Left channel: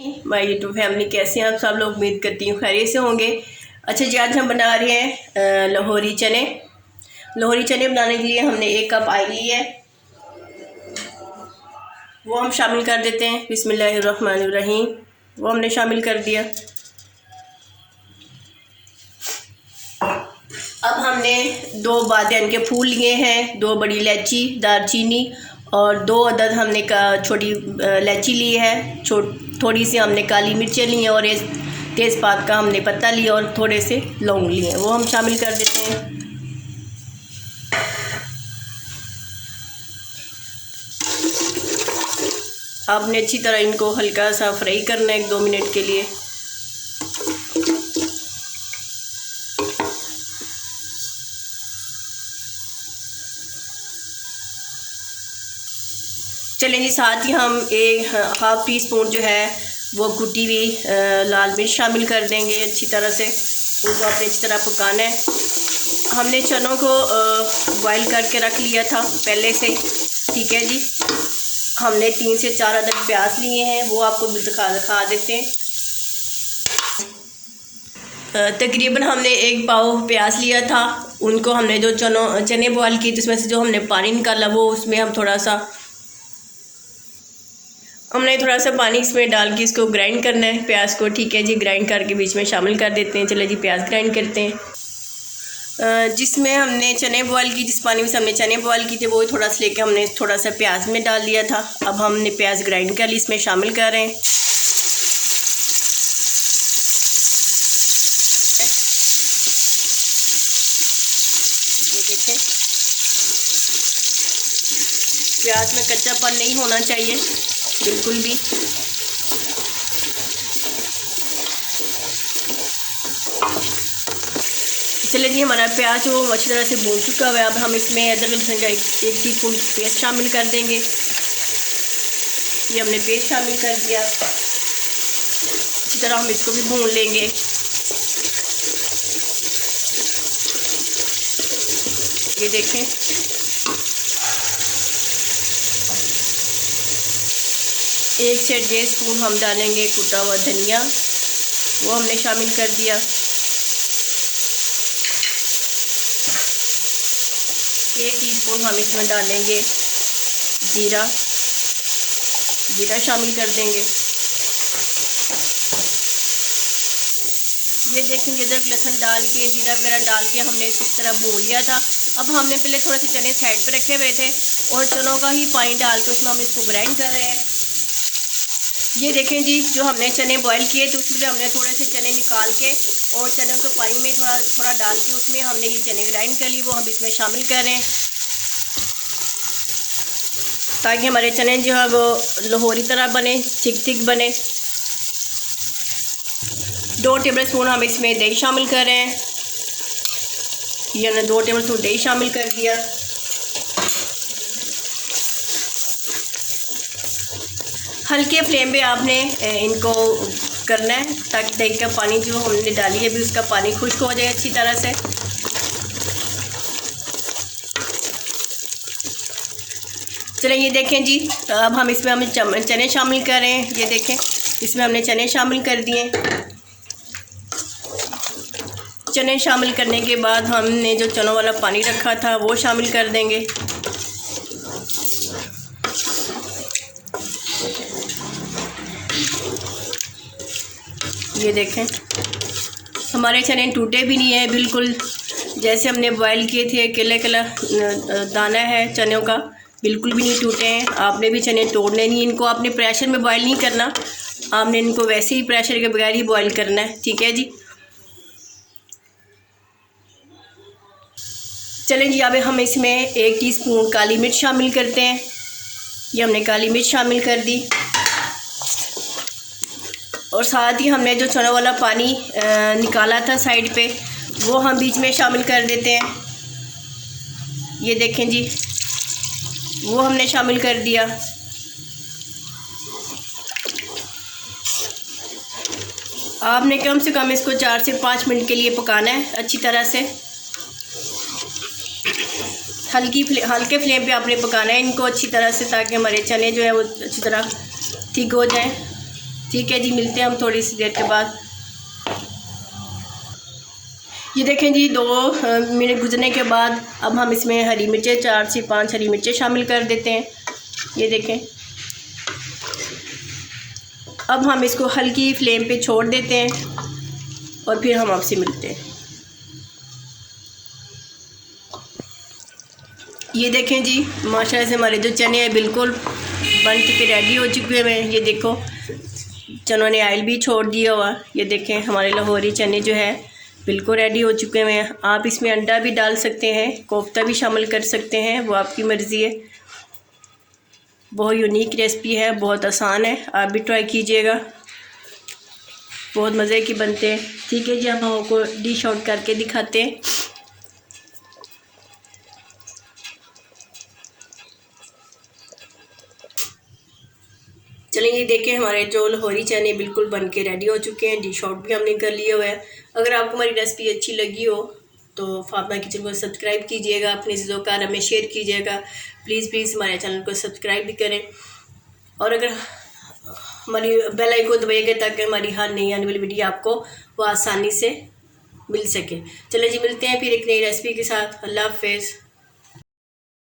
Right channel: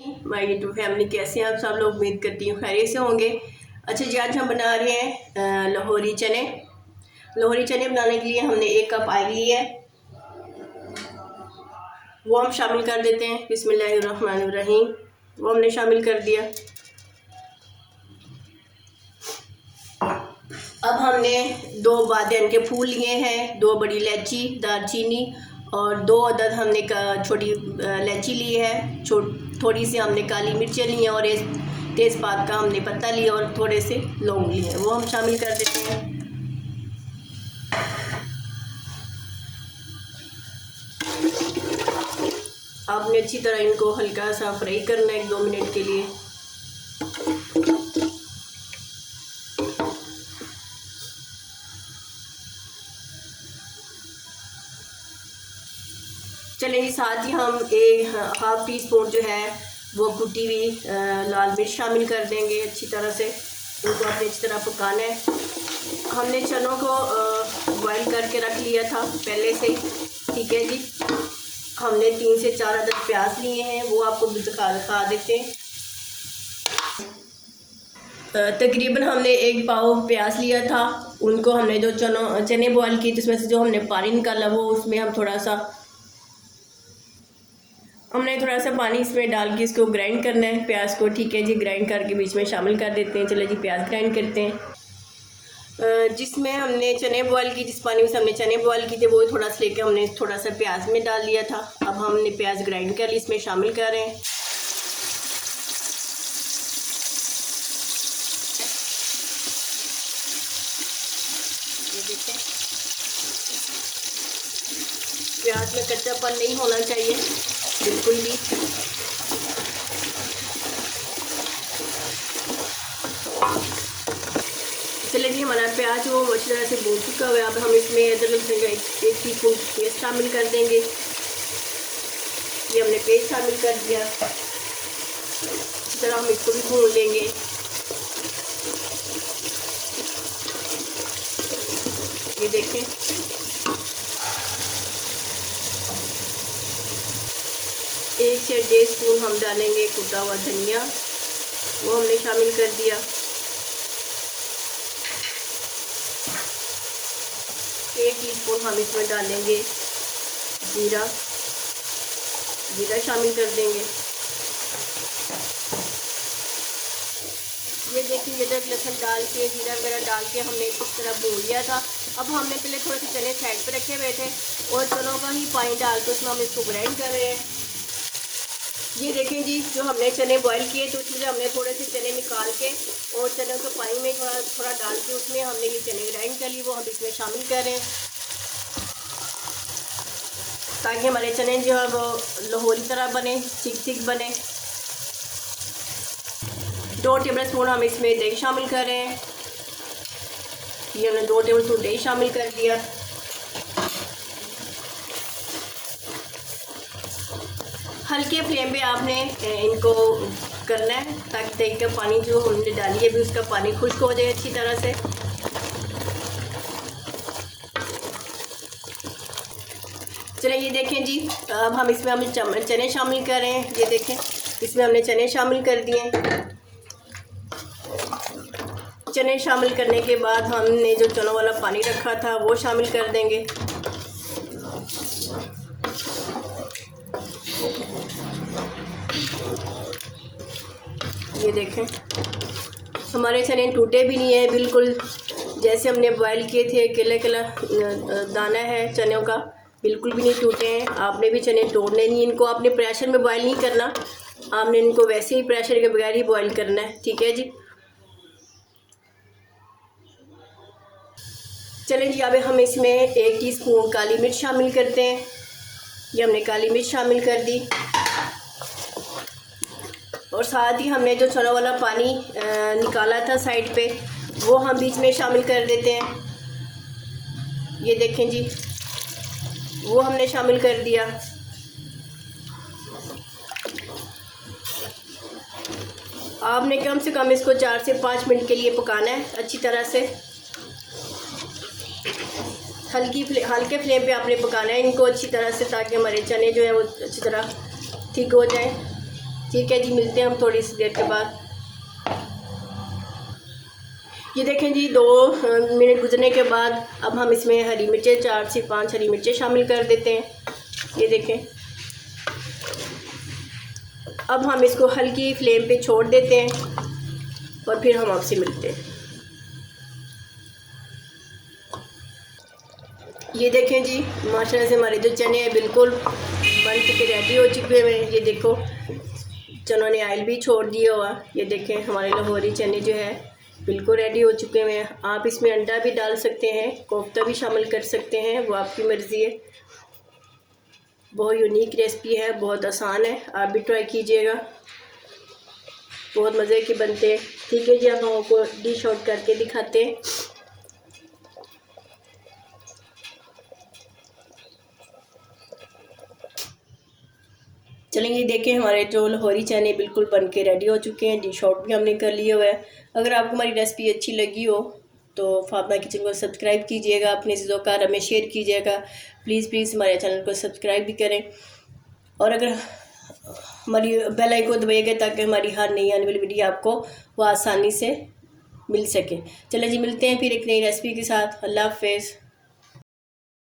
My YouTube family, कैसे हैं आप सब लोग। उम्मीद करती हूँ खैरियत से होंगे। अच्छा जी, आज हम बना रहे हैं लाहौरी चने। लाहौरी चने बनाने के लिए हमने 1 कप ऑयल लिया है, वो हम शामिल कर देते हैं। बिस्मिल्लाहिर्रहमानिर्रहीम। वो हमने शामिल कर दिया। अब हमने 2 बादियान के फूल लिए हैं, 2 बड़ी इलायची, दालचीनी और 2 अदद हमने छोटी इलायची ली है। थोड़ी सी हमने काली मिर्चें ली हैं और एक तेज़पात का हमने पत्ता लिया और थोड़े से लौंग लिए हैं, वो हम शामिल कर देते हैं। आपने अच्छी तरह इनको हल्का सा फ्राई करना है 1-2 मिनट के लिए। चलें जी, साथ ही हम 1/2 टी स्पून जो है वो कुटी हुई लाल मिर्च शामिल कर देंगे। अच्छी तरह से उनको आपने अच्छी तरह पकाना है। हमने चनों को बॉईल करके रख लिया था पहले से, ठीक है जी। हमने 3 से 4 अदद प्याज लिए हैं, वो आपको दिखा देते हैं। तकरीबन हमने 1 पाव प्याज लिया था। उनको हमने जो चने बॉईल किए, जिसमें से जो हमने पानी निकाला, वो उसमें हम थोड़ा सा पानी इसमें डाल के इसको ग्राइंड करना है प्याज को, ठीक है जी। ग्राइंड करके बीच में शामिल कर देते हैं। चले जी, प्याज ग्राइंड करते हैं। जिसमें हमने चने बॉईल की, जिस पानी में से हमने चने बॉईल किए थे, वो थोड़ा सा लेके हमने थोड़ा सा प्याज में डाल दिया था। अब हमने प्याज ग्राइंड कर ली, इसमें शामिल कर रहे हैं। ये देखें, प्याज में कच्चापन नहीं होना चाहिए बिल्कुल भी। चलिए जी, हमारा प्याज वो अच्छी तरह से भून चुका हुआ है। अब हम इसमें अदरक लहसुन का 1 टीस्पून पेस्ट शामिल कर देंगे। ये हमने पेस्ट शामिल कर दिया। अच्छी तरह हम इसको भी भून लेंगे। ये देखें, एक से 1.5 स्पून हम डालेंगे कुटा हुआ धनिया, वो हमने शामिल कर दिया। 1 टीस्पून हम इसमें डालेंगे जीरा शामिल कर देंगे। ये देखेंगे, अदरक लहसुन डाल के, जीरा वगैरह डाल के हमने इस तरह भून लिया था। अब हमने पहले थोड़े से चने साइड पे रखे हुए थे और चनों का ही पानी डाल के उसमें हम इसको ग्राइंड कर रहे हैं। ये देखें जी, जो हमने चने बॉईल किए थे उसमें हमने थोड़े से चने निकाल के और चने को पानी में थोड़ा डाल के उसमें हमने ये चने ग्राइंड कर लिए, वो हम इसमें शामिल कर रहे हैं, ताकि हमारे चने जो है वो लाहौरी तरह बने, थिक बने। 2 टेबल स्पून हम इसमें दही शामिल कर रहे हैं। ये हमने 2 टेबल स्पून दही शामिल कर दिया। हल्के फ्लेम पे आपने इनको करना है, ताकि दही का पानी जो हमने डाली है अभी, उसका पानी खुश्क हो जाए अच्छी तरह से। चलें, ये देखें जी, अब हम इसमें चने शामिल कर रहे हैं। ये देखें, इसमें हमने चने शामिल कर दिए। चने शामिल करने के बाद हमने जो चनों वाला पानी रखा था वो शामिल कर देंगे। ये देखें, हमारे चने टूटे भी नहीं है, बिल्कुल जैसे हमने बॉईल किए थे। केला दाना है चनों का, बिल्कुल भी नहीं टूटे हैं। आपने भी चने तोड़ने नहीं, इनको आपने प्रेशर में बॉईल नहीं करना, आपने इनको वैसे ही प्रेशर के बगैर ही बॉईल करना है, ठीक है जी। चलें जी, अब हम इसमें 1 टीस्पून काली मिर्च शामिल करते हैं। ये हमने काली मिर्च शामिल कर दी और साथ ही हमने जो चनों वाला पानी निकाला था साइड पे, वो हम बीच में शामिल कर देते हैं। ये देखें जी, वो हमने शामिल कर दिया। आपने कम से कम इसको 4 से 5 मिनट के लिए पकाना है अच्छी तरह से। हल्के फ्लेम पे आपने पकाना है इनको अच्छी तरह से, ताकि हमारे चने जो है वो अच्छी तरह ठीक हो जाएं। ठीक है जी, मिलते हैं हम थोड़ी सी देर के बाद। ये देखें जी, 2 मिनट गुजरने के बाद अब हम इसमें हरी मिर्चें 4 से 5 हरी मिर्चें शामिल कर देते हैं। ये देखें, अब हम इसको हल्की फ्लेम पे छोड़ देते हैं और फिर हम आपसे मिलते हैं। ये देखें जी, माशाल्लाह से हमारे जो चने हैं बिल्कुल बन के रेडी हो चुके हुए हैं। ये देखो, चनों ने ऑयल भी छोड़ दिया हुआ। ये देखें, हमारे लाहौरी चने जो है बिल्कुल रेडी हो चुके हुए हैं। आप इसमें अंडा भी डाल सकते हैं, कोफ्ता भी शामिल कर सकते हैं, वो आपकी मर्ज़ी है। बहुत यूनिक रेसिपी है, बहुत आसान है, आप भी ट्राई कीजिएगा, बहुत मज़े की बनते हैं। ठीक है जी, हम आपको डिश आउट करके दिखाते हैं। चलें, ये देखें, हमारे जो लाहौरी चने बिल्कुल बन के रेडी हो चुके हैं। डिश आउट भी हमने कर लिया हुआ है। अगर आपको हमारी रेसिपी अच्छी लगी हो तो फातिमा किचन को सब्सक्राइब कीजिएगा, अपने अज़ीज़ों हमें शेयर कीजिएगा। प्लीज़ हमारे चैनल को सब्सक्राइब भी करें और अगर हमारी बेल आइकन को दबाइएगा ताकि हमारी हर नई आने वाली वीडियो आपको वो आसानी से मिल सके। चलें जी, मिलते हैं फिर एक नई रेसिपी के साथ। अल्लाह हाफ़िज़।